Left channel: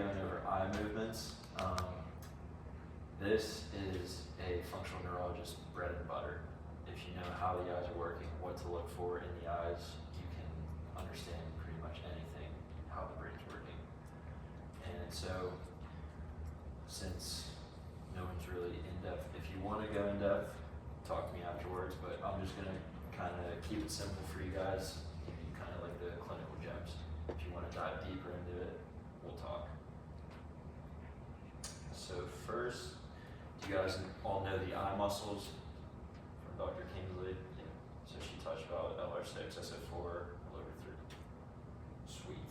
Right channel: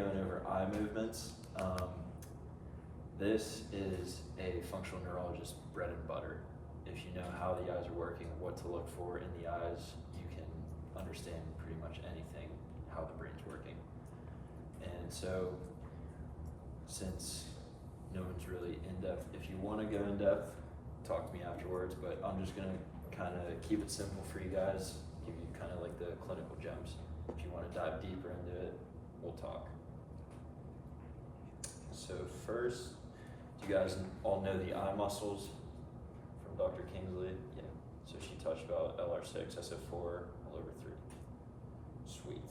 going over eye movements. This is a functional neurologist's bread and butter. If you know how the eyes are working, what to look for in the eyes, you can understand pretty much anything, how the brain's working. And so, since no one's really in-depth, if you want to go in-depth, talk to me afterwards, but I'm just going to kind of keep it simple for you guys, give you kind of like the clinical gems. If you want to dive deeper into it, we'll talk. So first, do you guys all know the eye muscles from Dr. Kingsley? Yeah. So she touched about LR6, SO4, L/3. Sweet.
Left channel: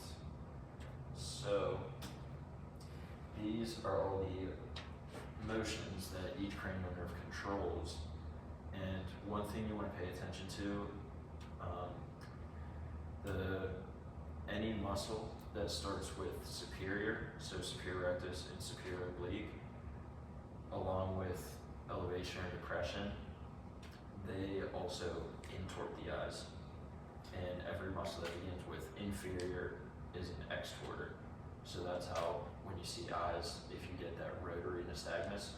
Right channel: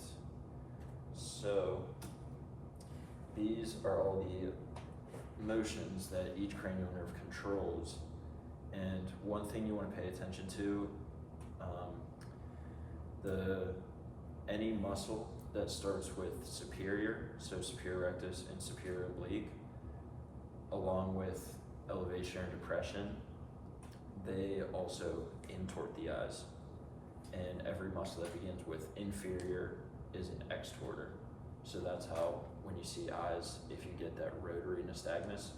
So these are all the motions that each cranial nerve controls. And one thing you want to pay attention to, any muscle that starts with superior, so superior rectus and superior oblique, along with elevation or depression, they also intort the eyes. And every muscle that begins with inferior is an extorter. So that's how, when you see eyes, if you get that rotary nystagmus,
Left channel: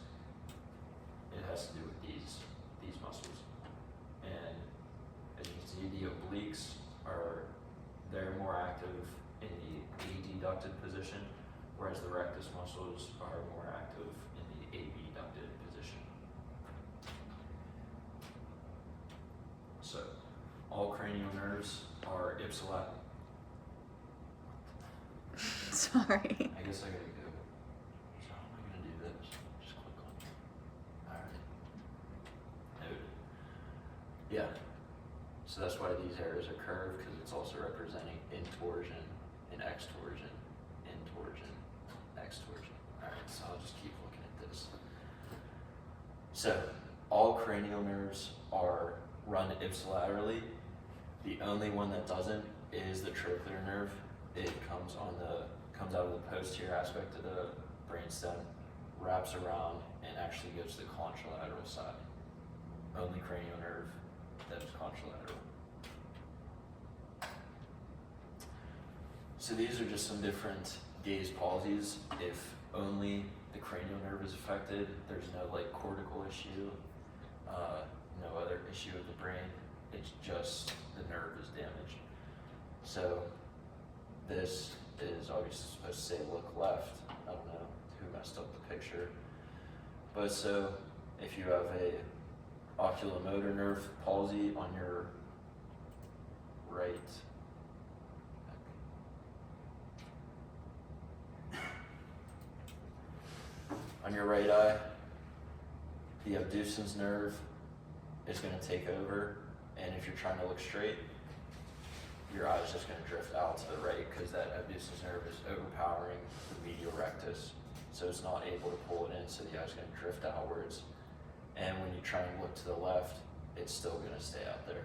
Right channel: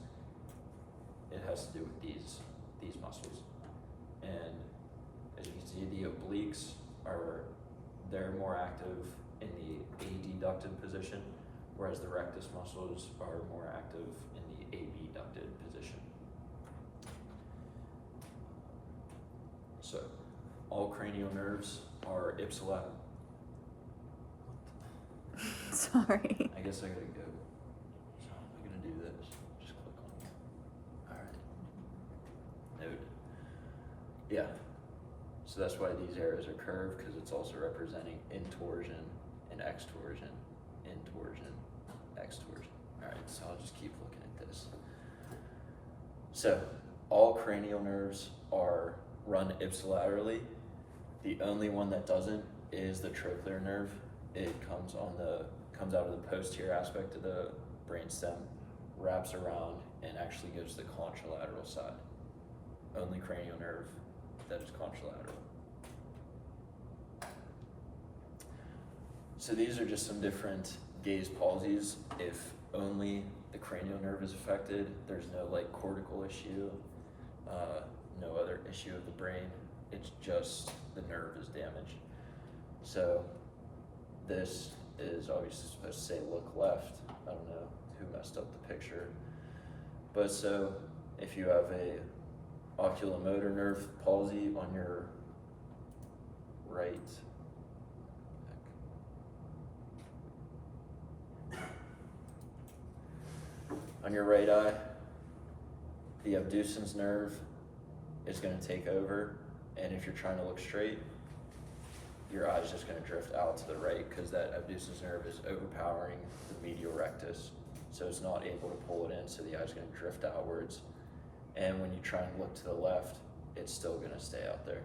it has to do with these muscles. And as you can see, the obliques they're more active in the adducted position, whereas the rectus muscles are more active in the abducted position. So, all cranial nerves are ipsilateral. Sorry. I guess I gotta go. So I'm gonna do this. Just click on it. Alright. Noted. Yeah. So that's why these arrows are curved, because it's also representing intorsion and extorsion. Intorsion, extorsion. Alright, so I'll just keep looking at this. So, all cranial nerves are run ipsilaterally. The only one that doesn't is the trochlear nerve. It comes out of the posterior aspect of the brainstem, wraps around, and actually goes to the contralateral side. Only cranial nerve that is contralateral. So these are just some different gaze palsies. If only the cranial nerve is affected, there's no like cortical issue, no other issue of the brain. It's just the nerve is damaged. So this is obviously supposed to say look left. I don't know who messed up the picture. But so if you have a oculomotor nerve palsy on your right, eye, the abducens nerve is going to take over, and if you're trying to look straight, your eye is just going to drift out to the right because that abducens nerve is overpowering the medial rectus, so it's not able to pull it in, so the eye is going to drift outwards. And when you try and look to the left, it's still going to stay out there.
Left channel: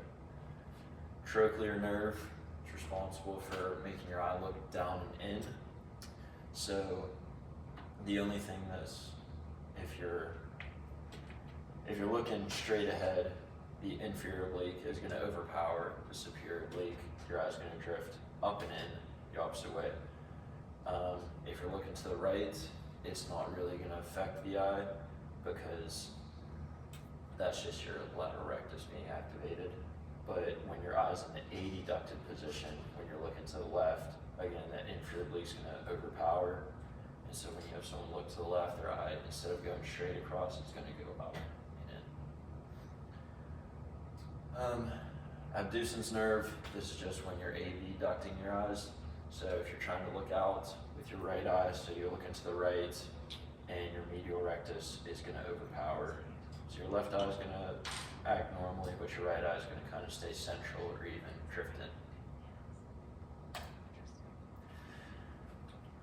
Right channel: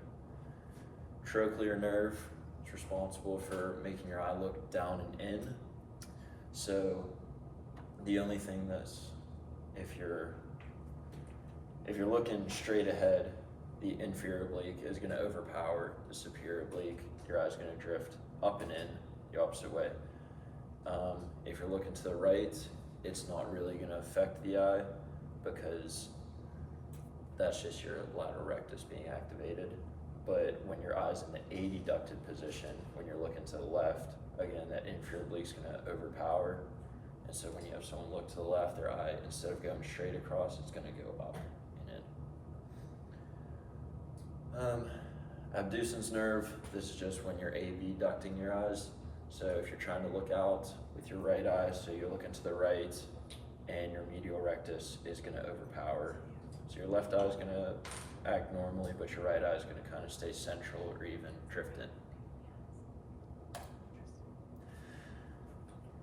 Trochlear nerve is responsible for making your eye look down and in. So the only thing that's, if you're looking straight ahead, the inferior oblique is going to overpower the superior oblique. Your eye's going to drift up and in the opposite way. If you're looking to the right, it's not really going to affect the eye because that's just your lateral rectus being activated. But when your eye's in the adducted position, when you're looking to the left, again, that inferior oblique is going to overpower. And so when you have someone look to the left, their eye, instead of going straight across, it's going to go up and in. Abducens nerve, this is just when you're abducting your eyes. So if you're trying to look out with your right eye, so you're looking to the right, and your medial rectus is going to overpower. So your left eye is going to act normally, but your right eye is going to kind of stay central or even drift in.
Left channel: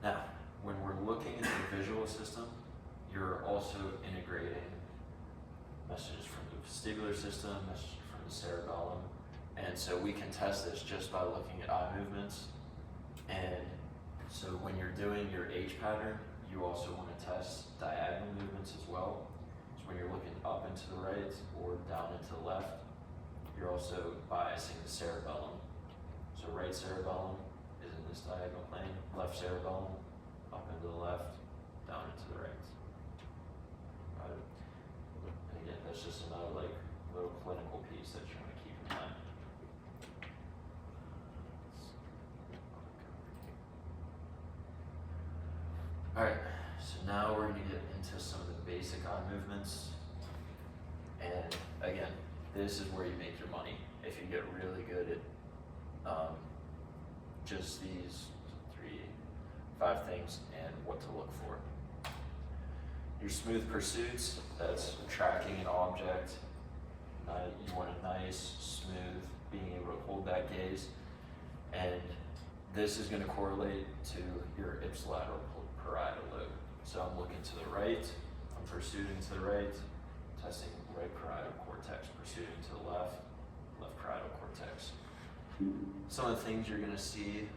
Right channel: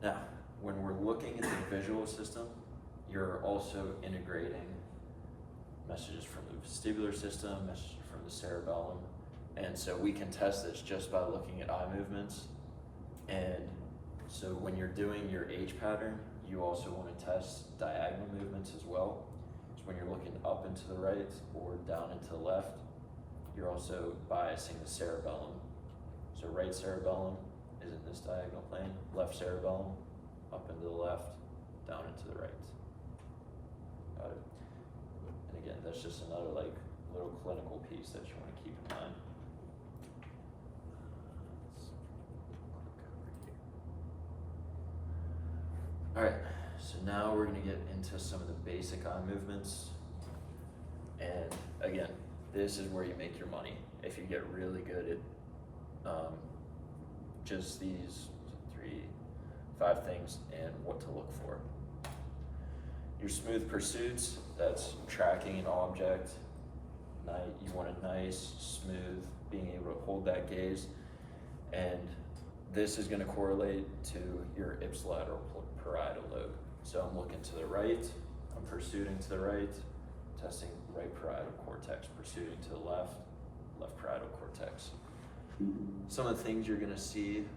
Now, when we're looking at the visual system, you're also integrating messages from the vestibular system, messages from the cerebellum, and so we can test this just by looking at eye movements. And so when you're doing your H pattern, you also want to test diagonal movements as well. So when you're looking up and to the right or down and to the left, you're also biasing the cerebellum. So right cerebellum is in this diagonal plane, left cerebellum up and to the left, down and to the right. Right? And again, that's just another like little clinical piece that you want to keep in mind. Alright, so now we're going to get into some of the basic eye movements. And again, this is where you make your money. If you get really good at just these 5 things and what to look for. Your smooth pursuits, that's tracking an object. You want a nice, smooth, being able to hold that gaze. And this is going to correlate to your ipsilateral parietal lobe. So I'm looking to the right, I'm pursuing to the right, testing right parietal cortex, pursuing to the left, left parietal cortex. Some of the things you're going to see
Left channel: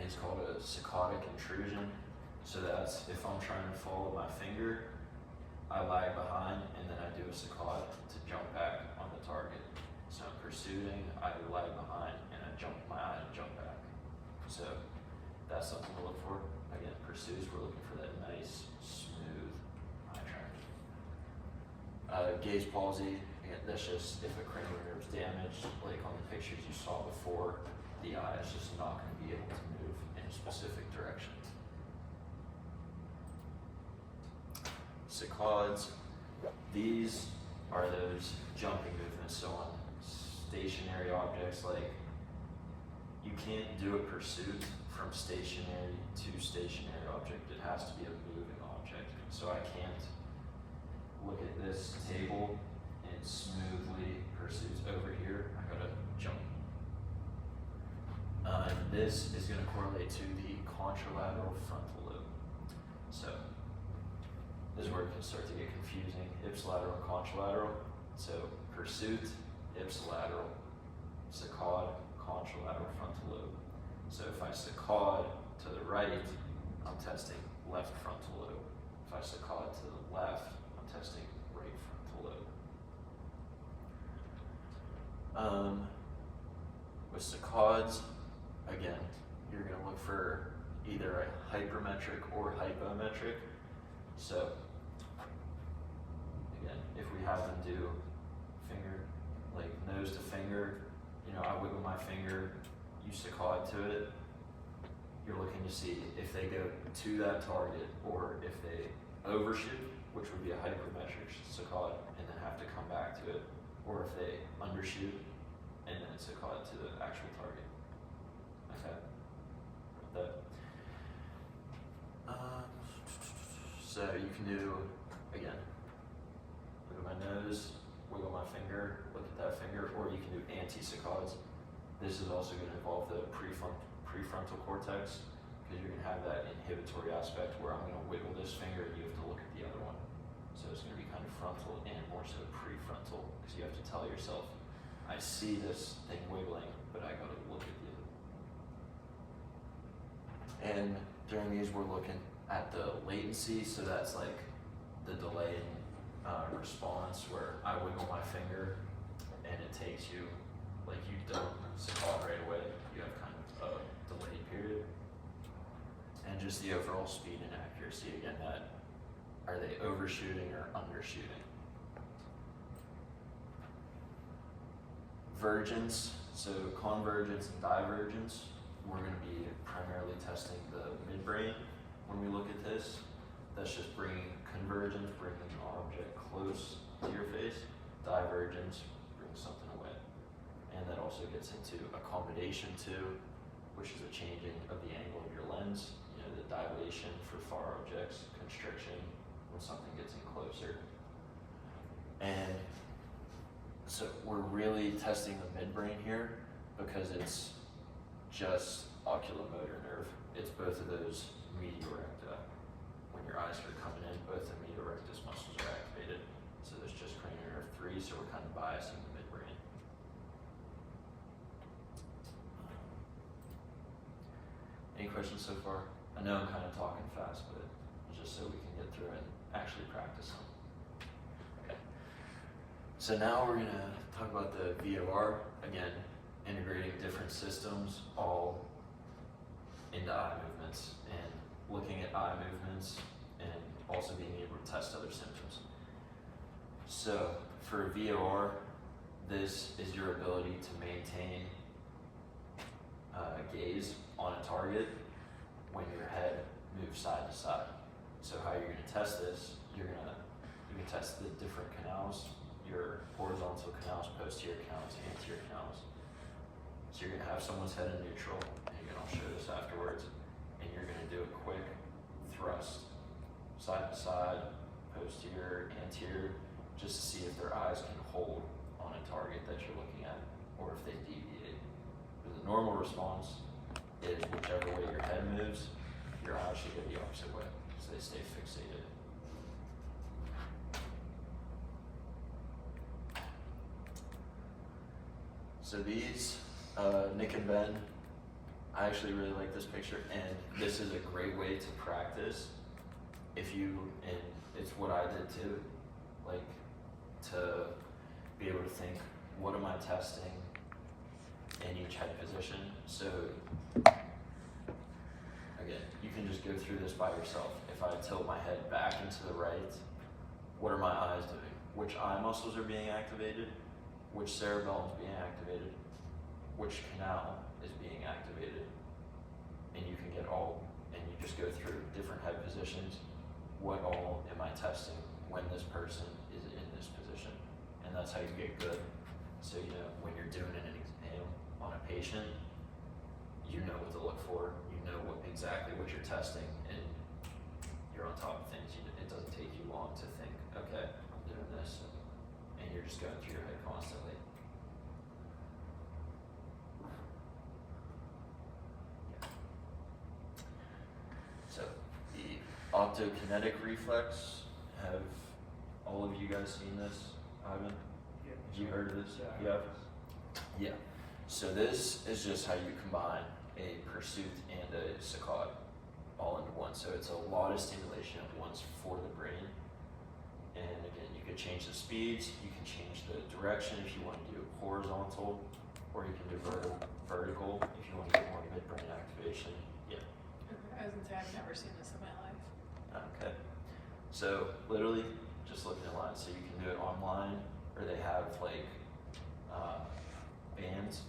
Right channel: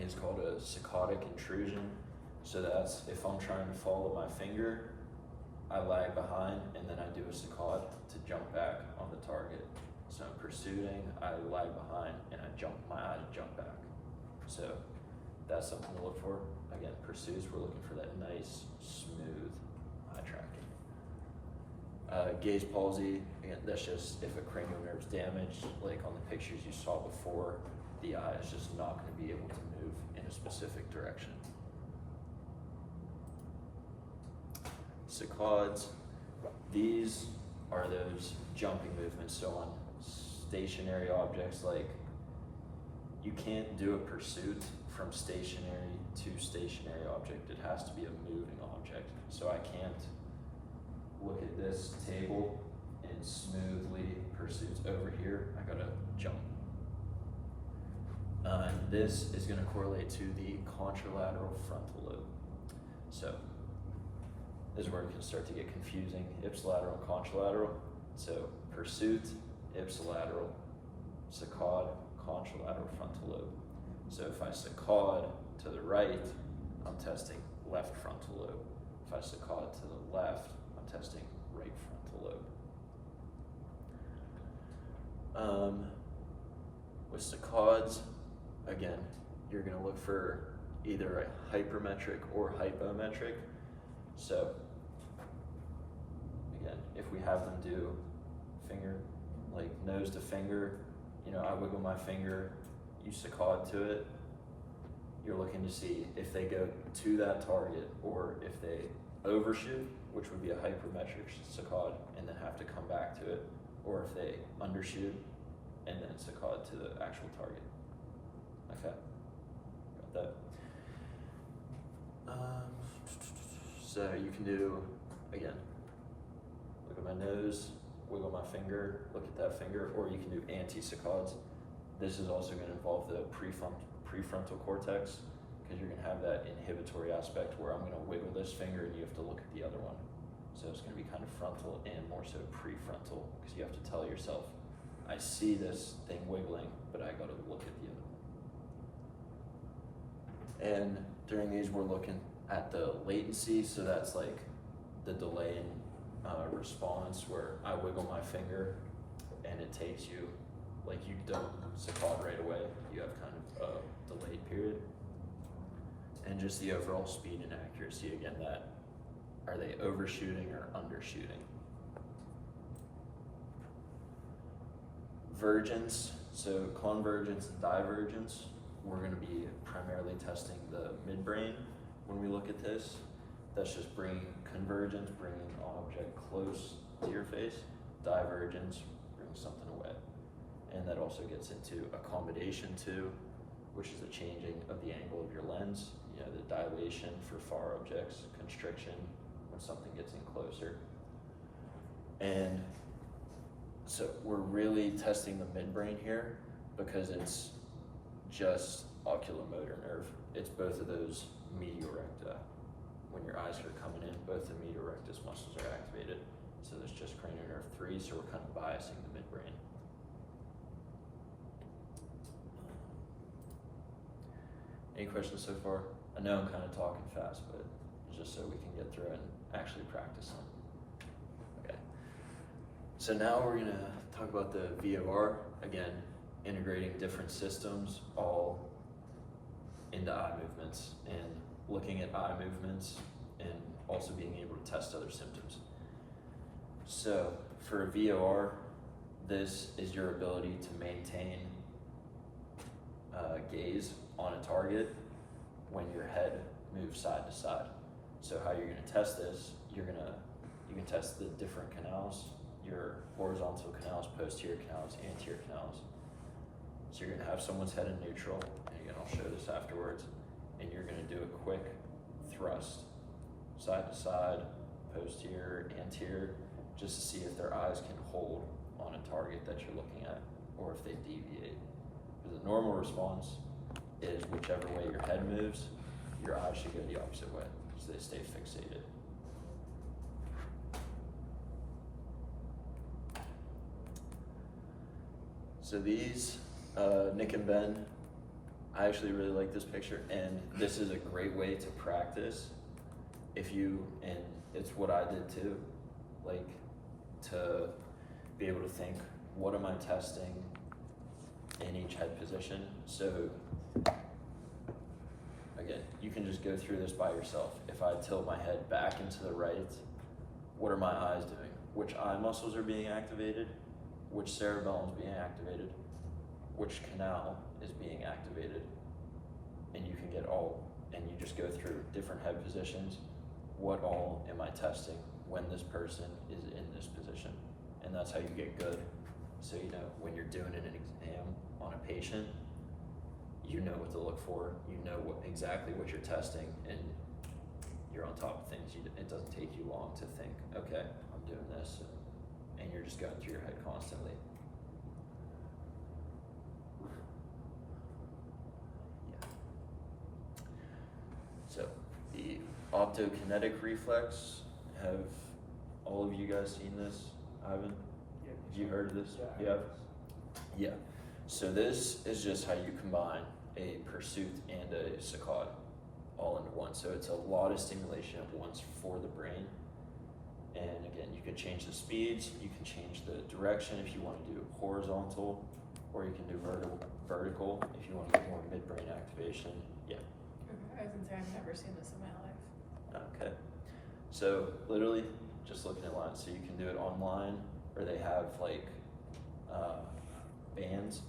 is called a saccadic intrusion. So that's if I'm trying to follow my finger, I lag behind and then I do a saccade to jump back on the target. So I'm pursuing, I lag behind, and my eye jump back. So that's something to look for. Again, pursues, we're looking for that nice, smooth eye tracking. Gaze palsy, again, that's just if a cranial nerve is damaged, like on the pictures you saw before, the eye is just not going to be able to move in a specific direction. Saccades, these are those jumping movements. So on stationary objects, like you can't do a pursuit from stationary to stationary object. It has to be a moving object. So I can't look at this table and smoothly pursuits over here. I gotta jump. This is going to correlate to the contralateral frontal lobe. So this is where it can start to get confusing. Ipsilateral and contralateral. So pursuit, ipsilateral, saccade, contralateral frontal lobe. So if I saccade to the right, I'm testing left frontal lobe. If I saccade to the left, I'm testing right frontal lobe. With saccades, again, you're going to look for either a hypermetric or hypometric. So, again, if we have them do finger, like nose to finger, I wiggle my finger, you saccade to it, you're looking to see if they go to that target or if they overshoot, which would be a hypermetric saccade, and then have to come back to it, or if they undershoot and then saccade to the actual target. Okay, got that. So you can do, again, look at my nose, wiggle my finger, look at that finger, or you can do anti-saccades. This is also going to involve the prefrontal cortex, because you're going to have that inhibitory aspect where I'm going to wiggle this finger and you have to look at the other one. So it's going to be kind of frontal and more so prefrontal, because you have to tell yourself, I see this thing wiggling, but I got to look at you. And during these, we're looking at the latency, so that's like the delay in response, where I wiggle my finger and it takes you, like you don't saccade right away, you have kind of a delayed period. And just the overall speed and accuracy, again, that are they overshooting or undershooting? Vergence, so convergence and divergence, we're going to be primarily testing the midbrain when we look at this. That's just bringing convergence, bringing an object close to your face. Divergence brings something away. And that also gets into accommodation too, which is a changing of the angle of your lens. The dilation for far objects, constriction when something gets in closer. And so we're really testing the midbrain here because it's just oculomotor nerve. It's both of those medial recta. When your eyes are coming in, both the medial rectus muscles are activated. So there's just cranial nerve 3, so we're kind of biasing the midbrain. Any questions so far? I know I'm kind of talking fast, but just so we can get through and actually practice them. Okay. So now we're going to talk about the VOR. Again, integrating different systems all into eye movements and looking at eye movements and also being able to test other symptoms. So for VOR, this is your ability to maintain gaze on a target when your head moves side to side. So how you're going to test this, you can test the different canals, your horizontal canals, posterior canals, anterior canals. So you're going to have someone's head in neutral, and again I'll show this afterwards, and you're going to do a quick thrust, side to side, posterior, anterior, just to see if their eyes can hold on a target that you're looking at, or if they deviate. The normal response is whichever way your head moves, your eyes should go the opposite way, so they stay fixated. So these, Nick and Ben, I actually really like this picture, and this is a great way to practice if you, and it's what I did too, like to be able to think, what am I testing in each head position? So again, you can just go through this by yourself. If I tilt my head back and to the right, what are my eyes doing? Which eye muscles are being activated? Which cerebellum is being activated? Which canal is being activated? And you can get all, and you just go through different head positions. What all am I testing when this person is in this position? And that's how you get good. So you know when you're doing an exam on a patient, you know what to look for, you know exactly what you're testing, and you're on top of things. It doesn't take you long to think, okay, I'm doing this, and you're just going through your head constantly. So the optokinetic reflex, have all of you guys seen this, Ivan? Have you heard of this? You have? Yeah. So this is just how you combine a pursuit and a saccade all into one. So it's a lot of stimulation at once for the brain. And again, you can change the speeds, you can change the direction if you want to do horizontal, or you can do vertical if you want to get more midbrain activation. Yeah. I was gonna say, I've never seen this in my life. Okay. So literally just looking at lines. So you can do it online, or they have like bands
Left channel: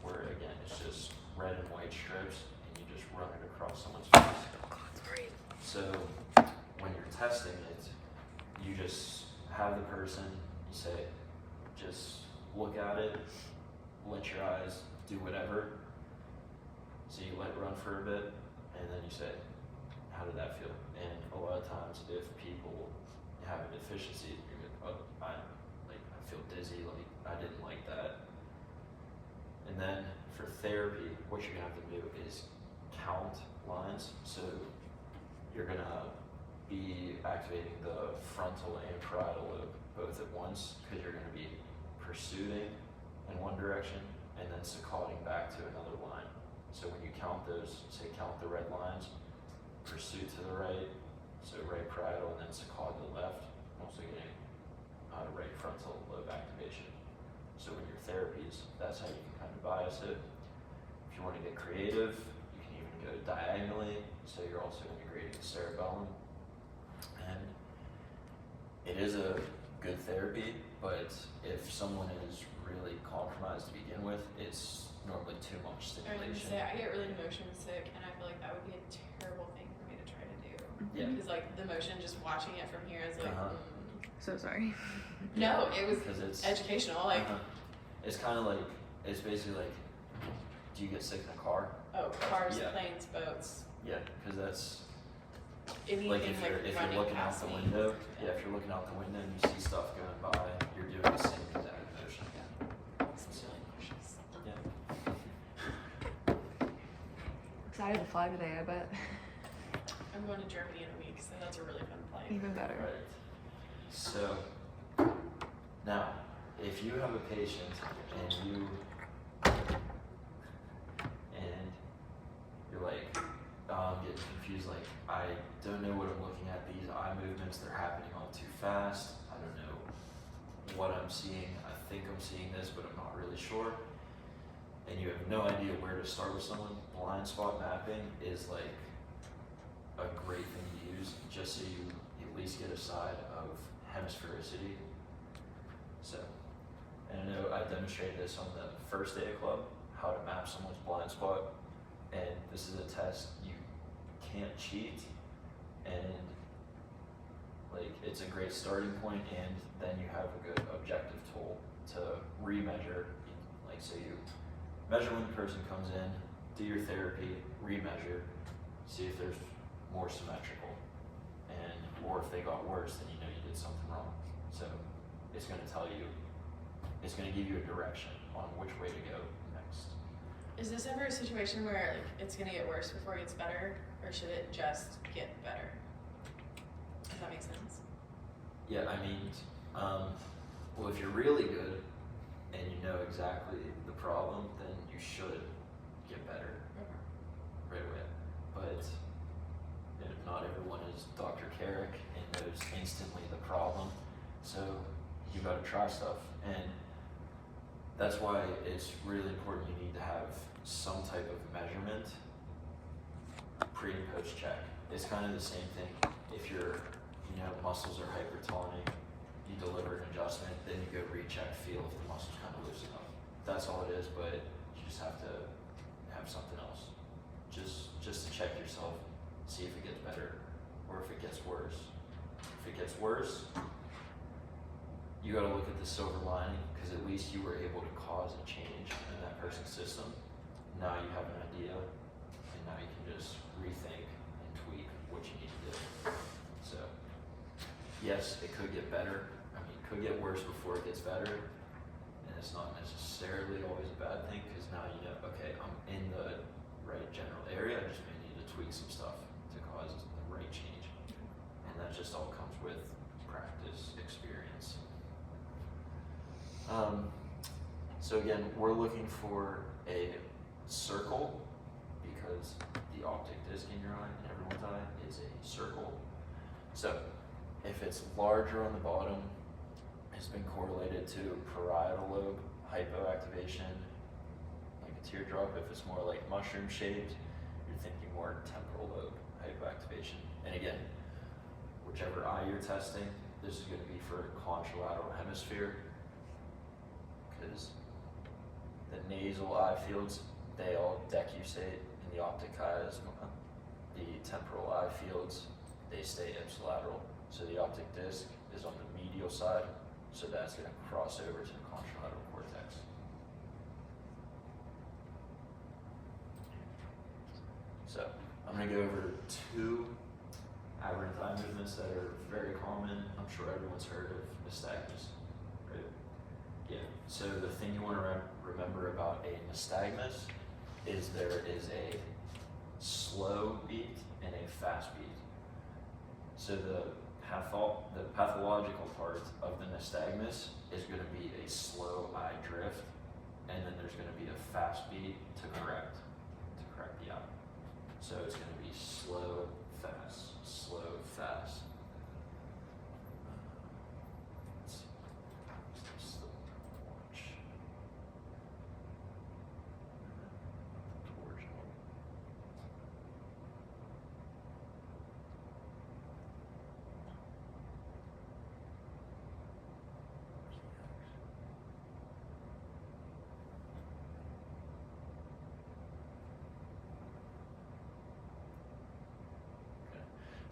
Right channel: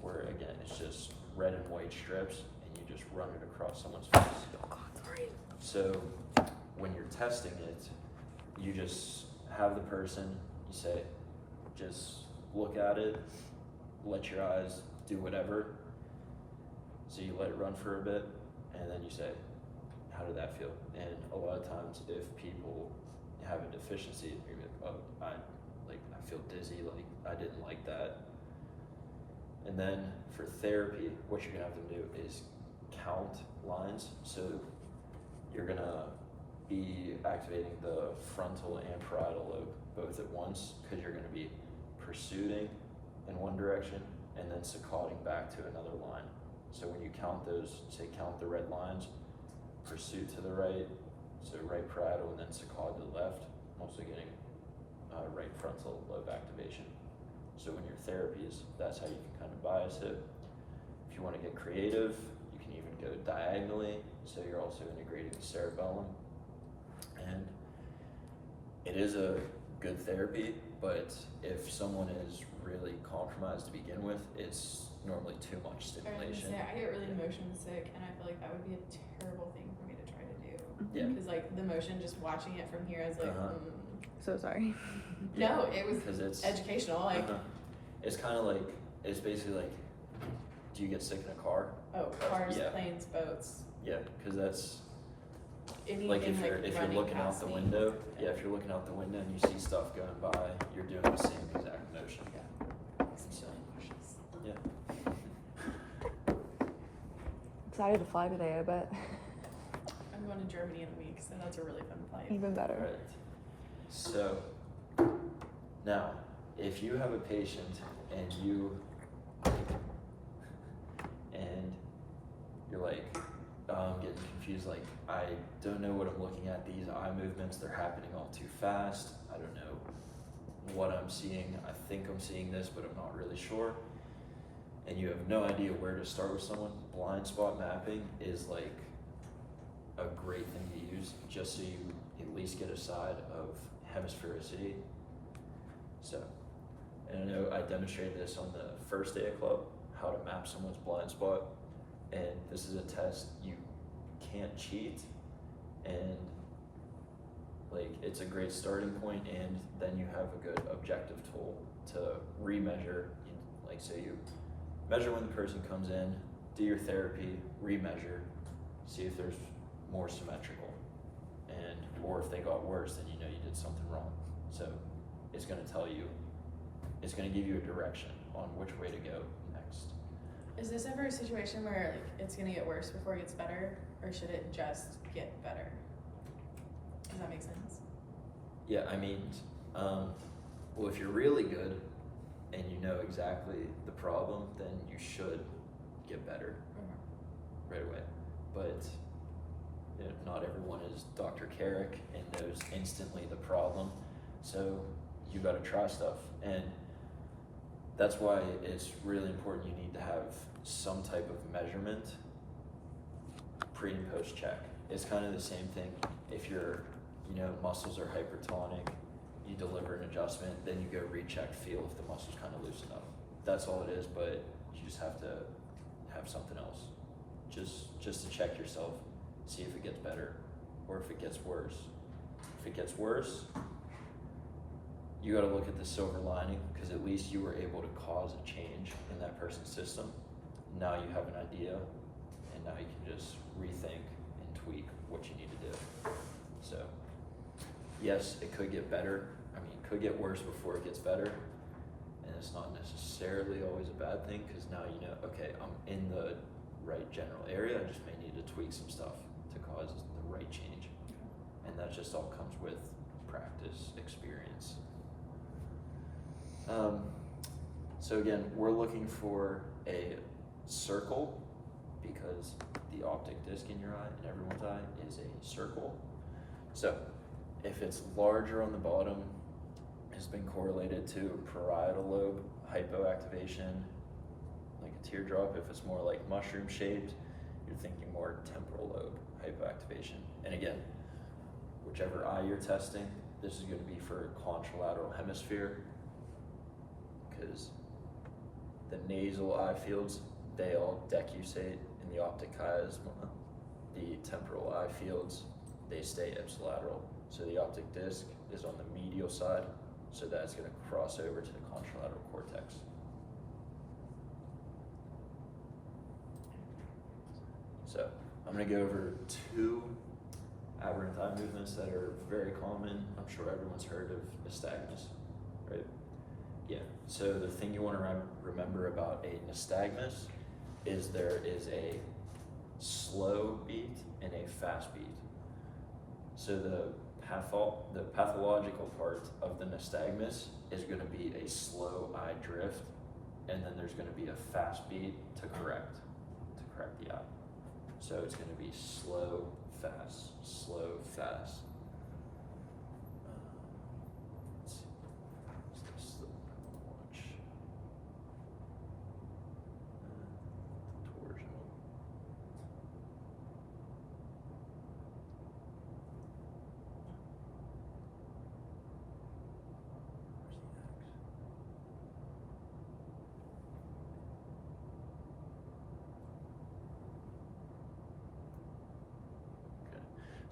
where again it's just red and white strips, and you just run it across someone's face. Sorry. So when you're testing it, you just have the person, you say, just look at it, let your eyes do whatever. So you let it run for a bit, and then you say, how did that feel? And a lot of times if people have a deficiency, you're gonna, oh, I feel dizzy, like I didn't like that. And then for therapy, what you're gonna have to do is count lines. So you're gonna be activating the frontal and parietal lobe both at once, because you're gonna be pursuing in one direction and then saccading back to another line. So when you count those, say count the red lines, pursuit to the right, so right parietal, and then saccade to the left, also getting right frontal lobe activation. So in your therapies, that's how you can kind of bias it. If you want to get creative, you can even go diagonally, so you're also integrating the cerebellum. And it is a good therapy, but if someone is really compromised to begin with, it's normally too much I was gonna stimulation. say, I get really motion sick, and I feel like that would be a terrible thing for me to try to do. Yeah. Because like the motion, just watching it from here, I was like, So sorry. No, it was Because it's educational. Like, it's kind of like, it's basically like, do you get sick in a car? oh, cars, Yeah. planes, boats, Yeah, because that's anything like if you're running looking out past the me. window. Yeah, if you're looking out the window and you see stuff going by, you're doing the same exact motion. It's really nauseous. Yeah. Excited to fly today, I bet. I'm going to Germany in a week, so that's a really fun flight. Even better. Right. So now, if you have a patient and you're like, I'm getting confused, like I don't know what I'm looking at, these eye movements, they're happening all too fast, I don't know what I'm seeing, I think I'm seeing this, but I'm not really sure, and you have no idea where to start with someone, blind spot mapping is like a great thing to use just so you at least get a side of hemisphericity. So, and I know I demonstrated this on the first day of club, how to map someone's blind spot, and this is a test you can't cheat, and like it's a great starting point, and then you have a good objective tool to remeasure. Like, so you measure when the person comes in, do your therapy, remeasure, see if there's more symmetrical, and or if they got worse, then you know you did something wrong. So it's going to tell you, it's going to give you a direction on which way to go next. Is this ever a situation where like it's gonna get worse before it gets better, or should it just get better? Does that make sense? Yeah, I mean, well, if you're really good and you know exactly the problem, then you should get better right away. But you know, not everyone is Dr. Carrick and knows instantly the problem. So you got to try stuff, and that's why it's really important. You need to have some type of measurement pre and post check. It's kind of the same thing. If your muscles are hypertoning, you deliver an adjustment, then you go recheck, feel if the muscles kind of loosen up. That's all it is, but you just have to have something else. Just to check yourself, see if it gets better or if it gets worse. If it gets worse, you got to look at the silver lining, because at least you were able to cause a change in that person's system. Now you have an idea, and now you can just rethink and tweak what you need to do. So, yes, it could get better. I mean, it could get worse before it gets better, and it's not necessarily always a bad thing, because now you know, okay, I'm in the right general area, I just may need to tweak some stuff to cause the right change. And that just all comes with practice, experience. So again, we're looking for a circle, because the optic disc in your eye, in everyone's eye, is a circle. So if it's larger on the bottom, it's been correlated to parietal lobe hypoactivation, like a teardrop. If it's more like mushroom shaped, you're thinking more temporal lobe hypoactivation. And again, whichever eye you're testing, this is going to be for contralateral hemisphere, because the nasal eye fields, they all decusate in the optic chiasma. The temporal eye fields, they stay ipsilateral. So the optic disc is on the medial side, so that's going to cross over to the contralateral cortex. So I'm going to go over two aberrant eye movements that are very common. I'm sure everyone's heard of nystagmus, right? Yeah. So the thing you want to remember about a nystagmus is there is a slow beat and a fast beat. So the pathological part of the nystagmus is going to be a slow eye drift, and then there's going to be a fast beat to correct the eye. So it's going to be slow, fast, slow, fast.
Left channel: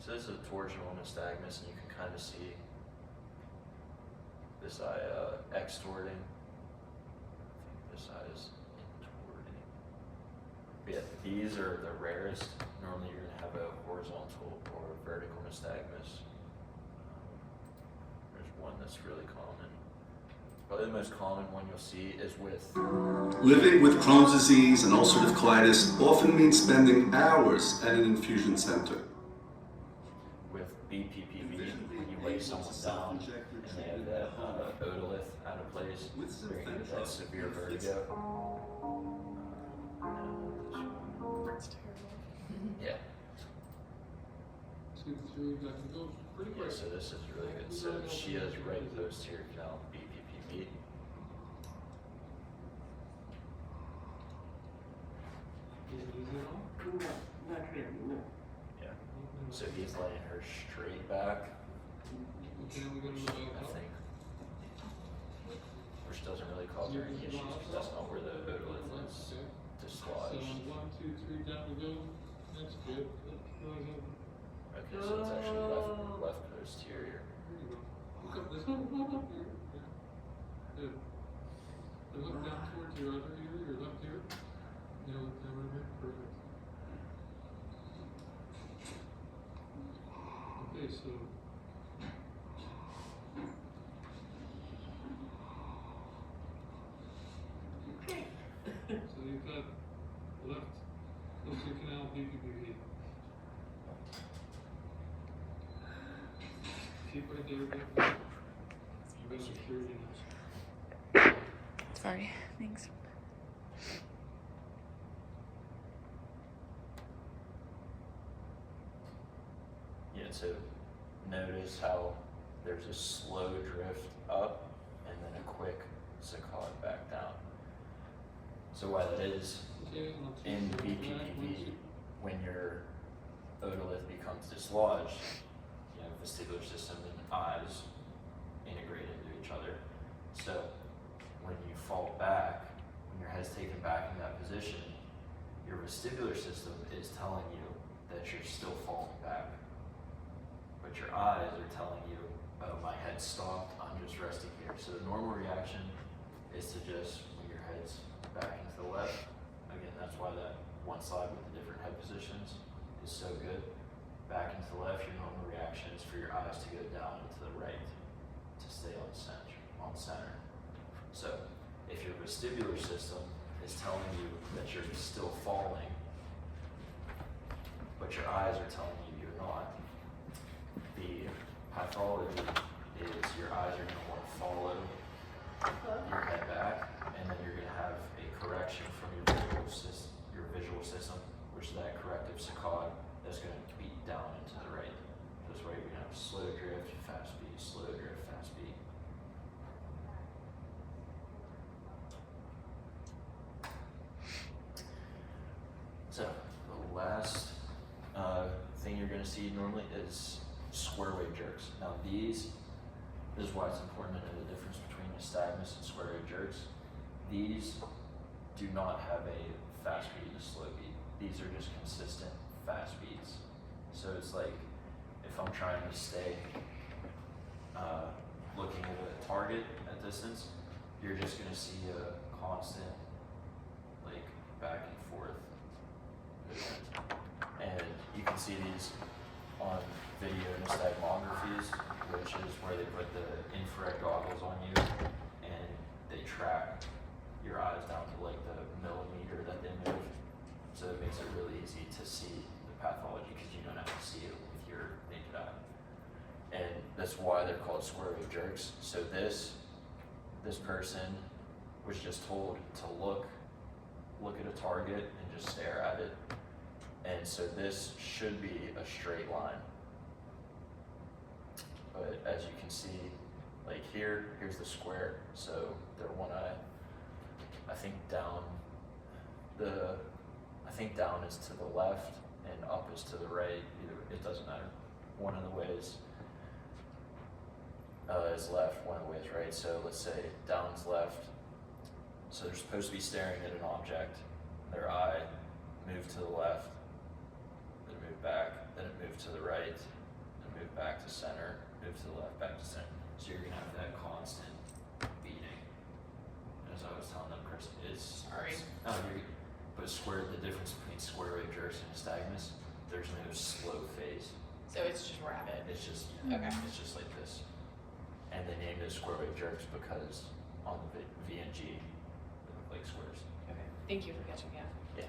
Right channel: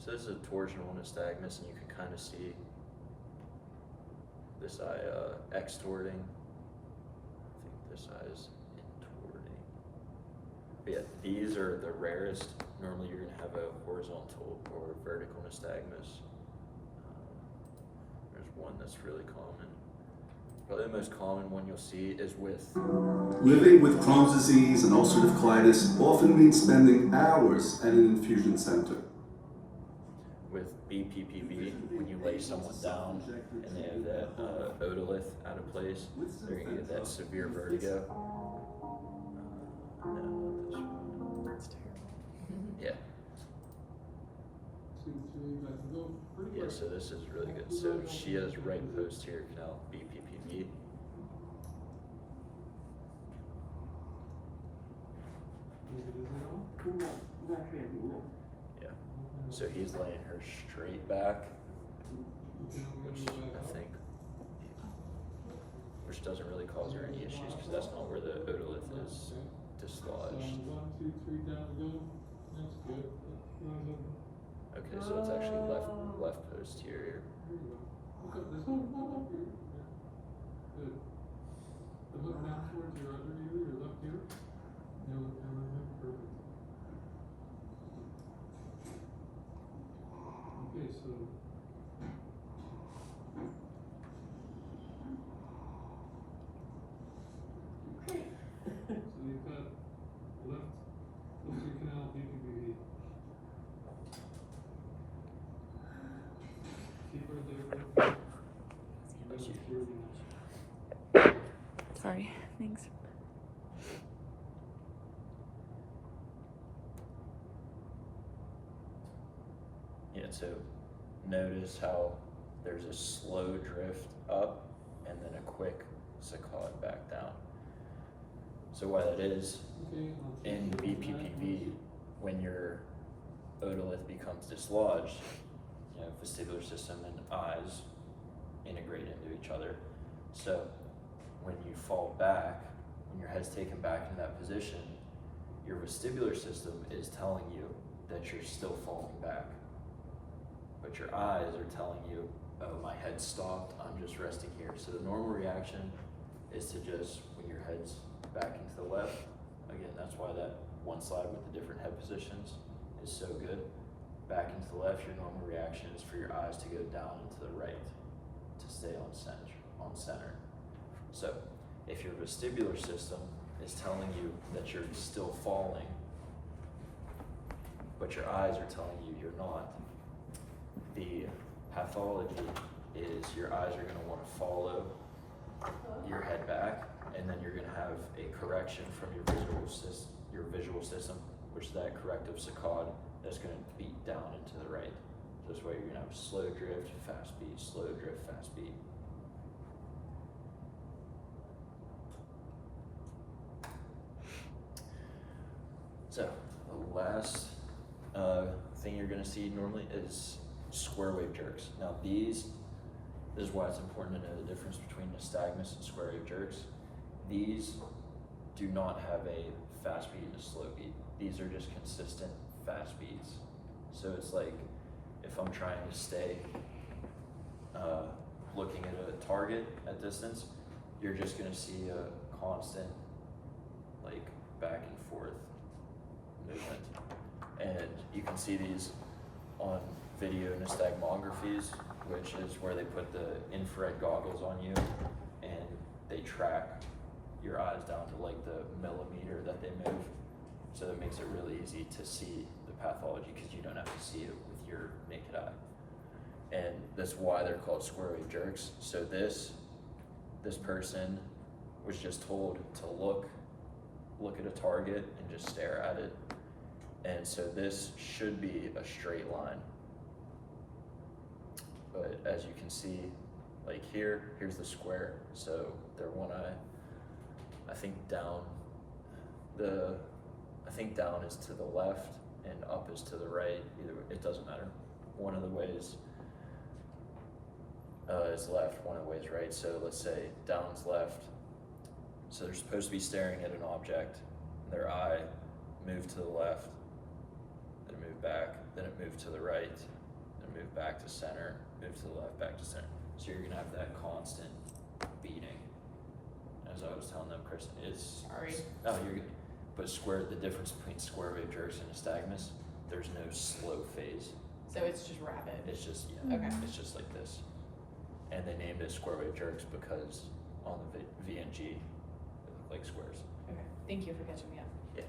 So this is a torsional nystagmus, and you can kind of see this eye extorting. I think this eye is intorting. But yeah, these are the rarest. Normally you're going to have a horizontal or vertical nystagmus. There's one that's really common. But the most common one you'll see is with... Living with Crohn's disease and ulcerative colitis often means spending hours at an infusion center. With BPPV, when you lay someone down and they have that otolith out of place, they're going to get that severe vertigo. That's terrible. Yeah. Yeah, so this is really good. So she has right posterior canal, BPPV. Yeah. So he's laying her straight back, I think, which doesn't really cause her any issues because that's not where the otolith is dislodged. One, two, three, down we go. That's good. Okay, so it's actually left posterior. There you go. Look up this one. Up here. Yeah. Good. And look down towards your other ear, your left ear. Yeah, look down right here. Perfect. Okay, so. So you've got left posterior canal BPPV. Keep right there. Good. You got security now. Sorry. Thanks. Yeah, so notice how there's a slow drift up and then a quick saccade back down. So why that is, Okay, I'll take in the BPPV, when your otolith becomes dislodged, you know, vestibular system and eyes integrate into each other. So when you fall back, when your head's taken back in that position, your vestibular system is telling you that you're still falling back. But your eyes are telling you, oh, my head's stopped, I'm just resting here. So the normal reaction is to just, when your head's back into the left, again, that's why that one slide with the different head positions is so good. Back into the left, your normal reaction is for your eyes to go down and to the right to stay on center. So if your vestibular system is telling you that you're still falling, but your eyes are telling you you're not, the pathology is your eyes are going to want to follow your head back, and then you're going to have a correction from your visual system, which is that corrective saccade that's going to beat down into the right. This way you're going to have slow drift, fast beat, slow drift, fast beat. So the last thing you're going to see normally is square wave jerks. Now this is why it's important to know the difference between nystagmus and square wave jerks. These do not have a fast beat and a slow beat. These are just consistent fast beats. So it's like if I'm trying to stay looking at a target at distance, you're just going to see a constant like back and forth movement. And you can see these on video nystagmographies, which is where they put the infrared goggles on you and they track your eyes down to like the millimeter that they move. So it makes it really easy to see the pathology because you don't have to see it with your naked eye. And that's why they're called square wave jerks. So this person was just told to look at a target and just stare at it. And so this should be a straight line. But as you can see, like here's the square. So they're one eye. I think down is to the left and up is to the right. Either it doesn't matter. One of the ways is left, one of the ways right. So let's say down's left. So they're supposed to be staring at an object. Their eye moved to the left, then moved back, then it moved to the right, then moved back to center, moved to the left, back to center. So you're gonna have that constant beating. As I was telling them, Chris, it's Sorry. But the difference between square wave jerks and nystagmus, there's no slow phase. So it's just rapid. It's just Okay. it's just like this. And they named it square wave jerks because on the VNG, they look like squares. Okay. Thank you for catching me up. Yeah.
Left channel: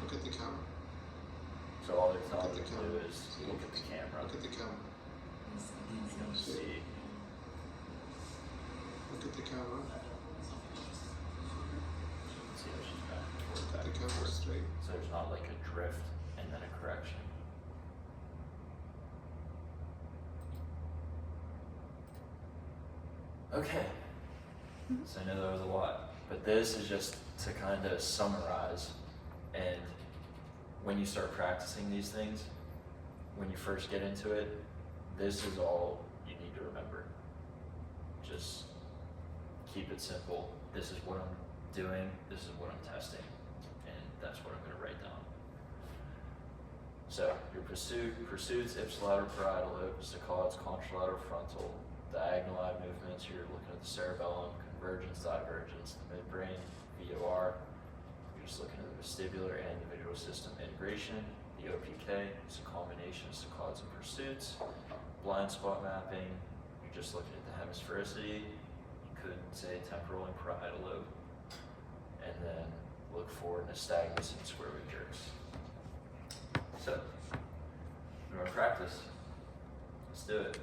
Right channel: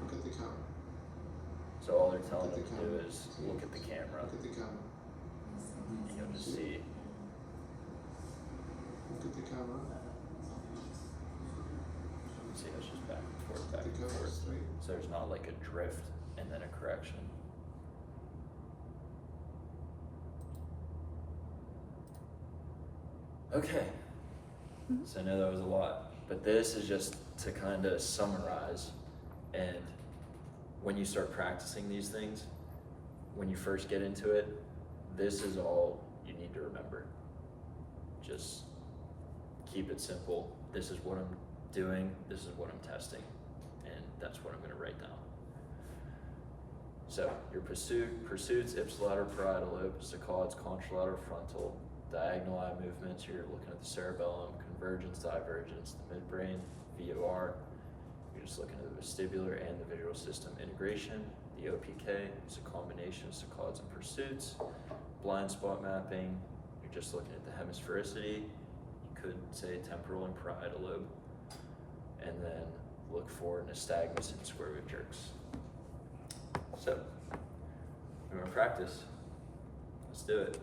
Look at the camera. So all they're telling Look you at the to do camera. is look at the camera. Look at the camera. And see. Look at the camera. See, it's just back and forth, Look back at the and camera forth. straight. So there's not like a drift and then a correction. Okay. So I know that was a lot, but this is just to kind of summarize when you start practicing these things, when you first get into it, this is all you need to remember. Just keep it simple. This is what I'm doing, this is what I'm testing, and that's what I'm gonna write down. So, your pursuits, ipsilateral parietal lobe, saccades, contralateral frontal, diagonal eye movements, you're looking at the cerebellum, convergence, divergence, the midbrain, VOR, you're just looking at the vestibular and the visual system integration, the OPK, it's a combination of saccades and pursuits, blind spot mapping, you're just looking at the hemisphericity, you could say temporal and parietal lobe, and then look for nystagmus and square root jerks. So, you want to practice? Let's do it.